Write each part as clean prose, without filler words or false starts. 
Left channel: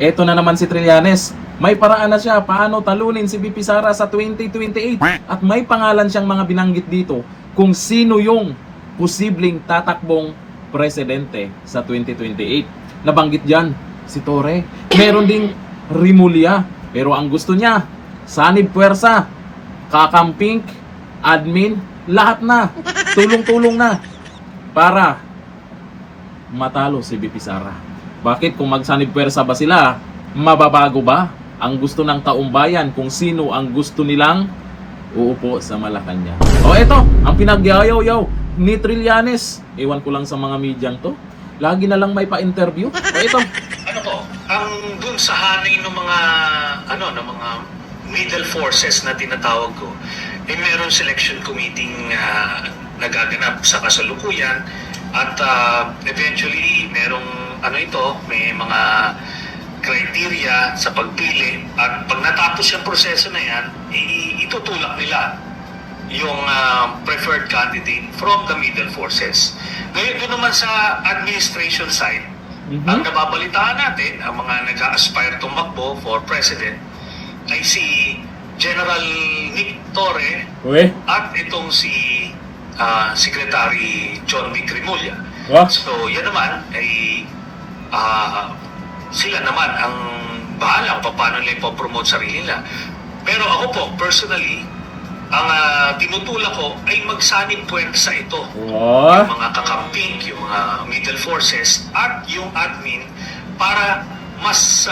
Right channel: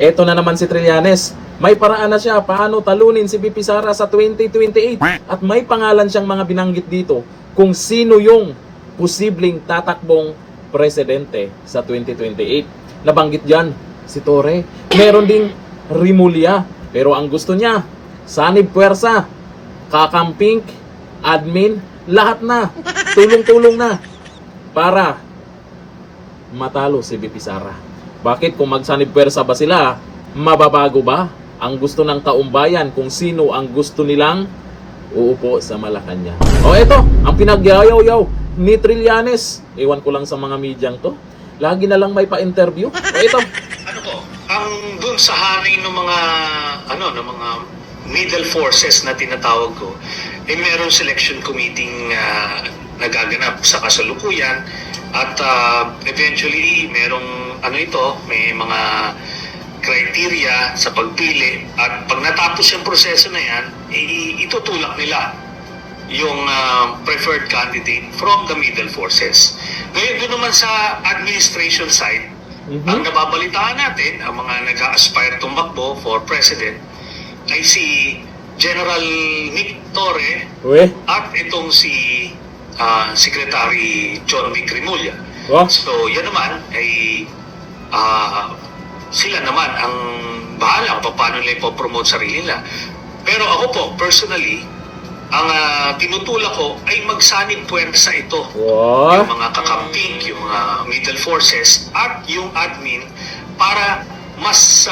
Eto na naman si Trillanes. May paraan na siya paano talunin si VP Sara sa 2028. At may pangalan siyang mga binanggit dito kung sino yung posibleng tatakbong presidente sa 2028. Nabanggit dyan si Torre. Meron ding Rimulya. Pero ang gusto niya, sanib puwersa, kakamping, admin, lahat na. Tulong-tulong na para matalo si VP Sara. Bakit kung magsanib puwersa ba sila, mababago ba ang gusto ng taumbayan kung sino ang gusto nilang uupo sa Malacanang? O eto, ang pinagyayaw-yaw ni Trillanes. Ewan ko lang sa mga medyang to. Lagi na lang may pa-interview. O ito. Ano po, ang dun sa hanay ng mga ng mga middle forces na tinatawag ko, meron selection committee nagaganap sa kasalukuyan at eventually merong may mga criteria sa pagpili at pag natapos yung proseso na yan, itutulak nila yung preferred candidate from the middle forces. Ngayon doon naman sa administration side, ang nababalitaan natin, ang mga nag-aspire tumakbo for president ay si General Nick Torre at itong si Secretary John Vic Rimulya. So yan naman ay sila naman ang bahala kung paano nila ipopromote sarili nila. Pero ako po, personally, ang tinutulak ko ay magsanib puwersa ito. Yung mga kakamping, yung mga middle forces at yung admin para mas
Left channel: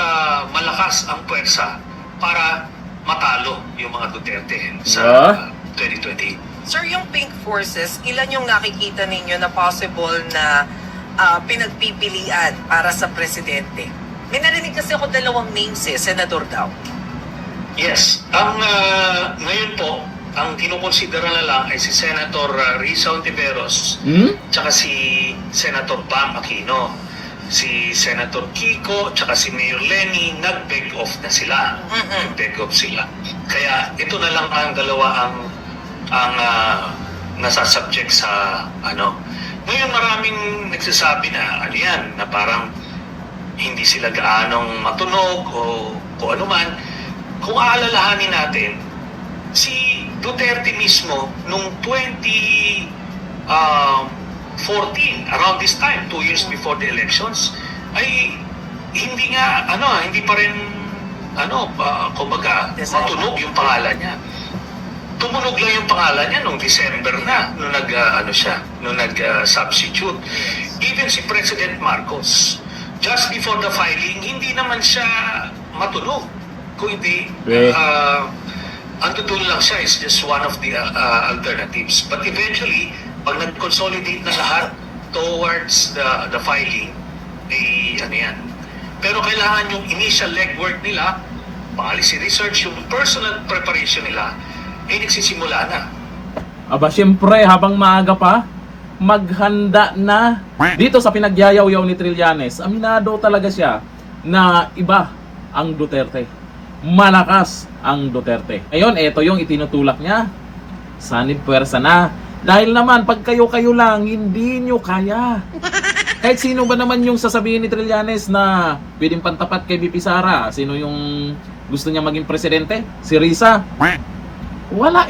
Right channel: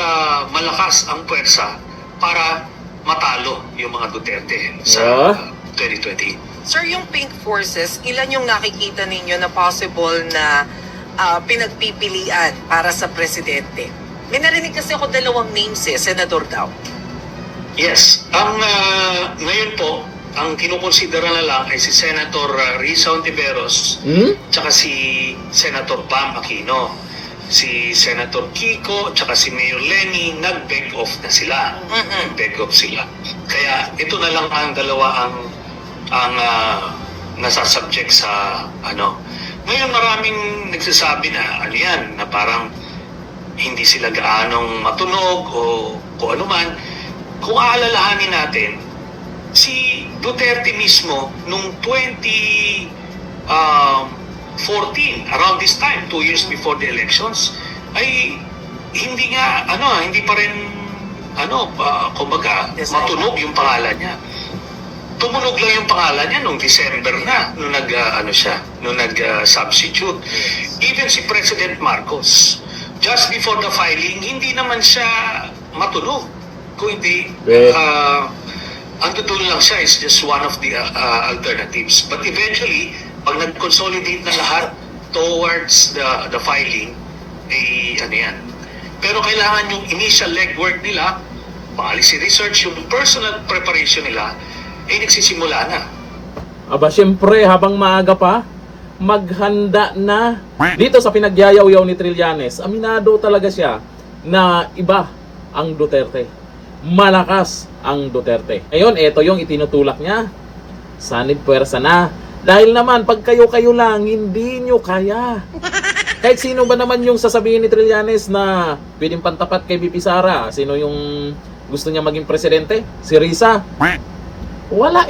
malakas ang puwersa para matalo yung mga Duterte sa 2028. Sir, yung pink forces, ilan yung nakikita ninyo na possible na pinagpipilian para sa presidente? May narinig kasi ako dalawang names senador daw. Yes. Ang ngayon po, ang kinukonsidera na lang ay si Senator Risa Ontiveros tsaka si Senator Bam Aquino. Si Senator Kiko tsaka si Mayor Lenny nag-back off na sila. Nag-back off sila. Kaya ito na lang ang dalawa ang nasasubject sa Ngayon maraming nagsasabi na na parang hindi sila gaanong matunog o kung ano man. Kung aalalahanin natin, si Duterte mismo nung 2014, around this time, 2 years before the elections, ay hindi pa rin matunog yung pangalan niya. Tumunog lang yung pangalan niya nung December na, nung nag-substitute. Even si President Marcos, just before the filing, hindi naman siya matunog. Kung hindi, ang totoo lang siya is just one of the alternatives. But eventually, pag nag-consolidate na lahat towards the filing, yan. Pero kailangan yung initial legwork nila, policy research, yung personal preparation nila, nagsisimula na. Aba, syempre, habang maaga pa, maghanda na. Dito sa pinagyayaw-yaw ni Trillanes, aminado talaga siya na iba ang Duterte. Malakas ang Duterte. Ngayon, ito yung itinutulak niya. Sanib puwersa na. Dahil naman, pag kayo-kayo lang, hindi nyo kaya. Kahit sino ba naman yung sasabihin ni Trillanes na pwedeng pantapat kay VP Sara? Sino yung gusto niya maging presidente? Si Risa? Wala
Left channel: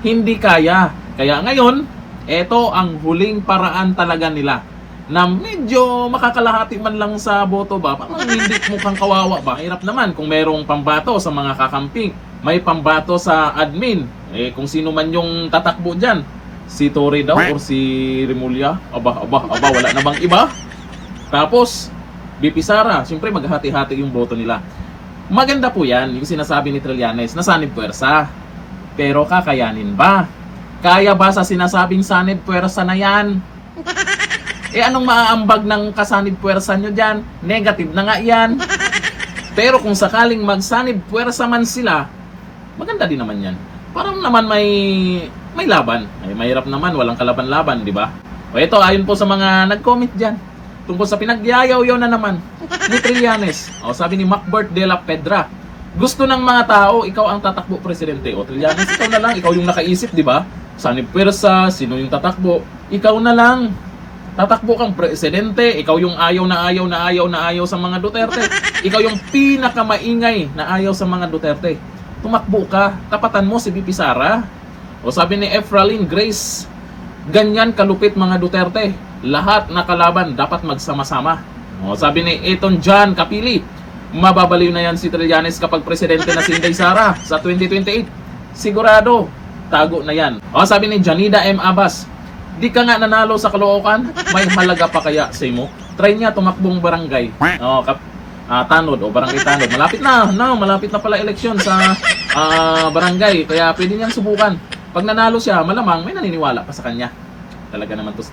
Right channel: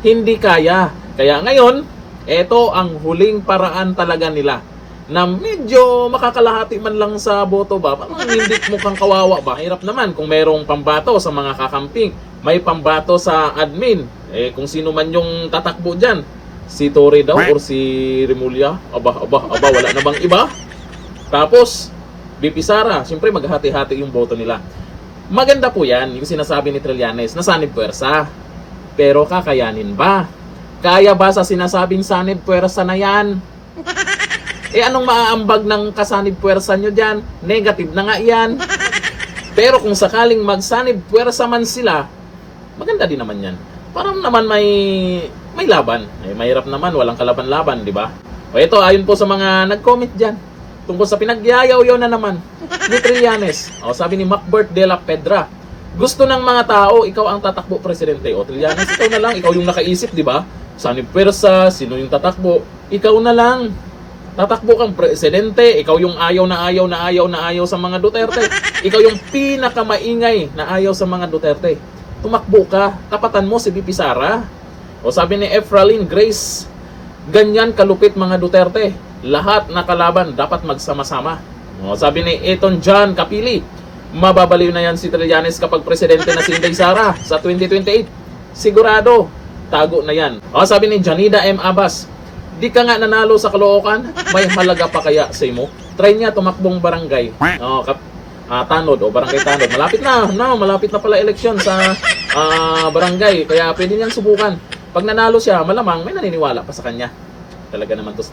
Hindi kaya. Kaya ngayon, ito ang huling paraan talaga nila na medyo makakalahati man lang sa boto ba, parang hindi mukhang kawawa ba? Hirap naman kung merong pambato sa mga kakamping, may pambato sa admin. Kung sino man yung tatakbo dyan, si Torre daw or si Rimulya, aba, wala na bang iba? Tapos, VP Sara, siyempre maghati-hati yung boto nila. Maganda po yan, yung sinasabi ni Trillanes, na sanib puwersa. Pero kakayanin ba? Kaya ba sa sinasabing sanib puwersa na yan? Anong maaambag ng kasanib puwersa nyo dyan? Negative na nga yan. Pero kung sakaling magsanib puwersa man sila, maganda din naman yan. Parang naman may laban. Ay, mahirap naman, walang kalaban-laban, di ba? O ito, ayon po sa mga nag-comment dyan, tungkol sa pinagyayaw-yaw na naman ni Trillanes. O, sabi ni Macbert de la Pedra, gusto ng mga tao, ikaw ang tatakbo presidente. O Trillanes, ikaw na lang, ikaw yung nakaisip, di ba? Sanib puwersa, sino yung tatakbo? Ikaw na lang. Tatakbo kang presidente, ikaw yung ayaw na ayaw sa mga Duterte. Ikaw yung pinakamaingay na ayaw sa mga Duterte. Tumakbo ka, tapatan mo si VP Sara. O sabi ni Efraline Grace, ganyan kalupit mga Duterte. Lahat na kalaban dapat magsama-sama. O sabi ni Eton John Kapili, mababaliw na yan si Trillanes kapag presidente na si Inday Sara sa 2028. Sigurado, tago na yan. O sabi ni Janida M. Abbas, di ka nga nanalo sa Caloocan, may halaga pa kaya sa imo? Try niya tumakbong barangay. O, Tanod o barangay Tanod. Malapit na, malapit na pala eleksyon sa barangay. Kaya pwede niyang subukan. Pag nanalo siya, malamang may naniniwala pa sa kanya. Talaga naman to si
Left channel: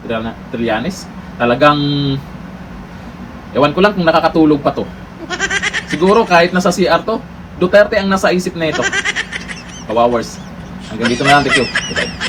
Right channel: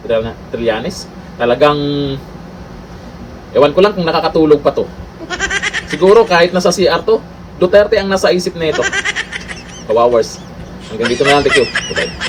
Trillanes. Talagang, ewan ko lang kung nakakatulog pa to. Siguro kahit nasa CR to, Duterte ang nasa isip na ito. Kawawars. Hanggang dito na lang, thank you. Bye-bye.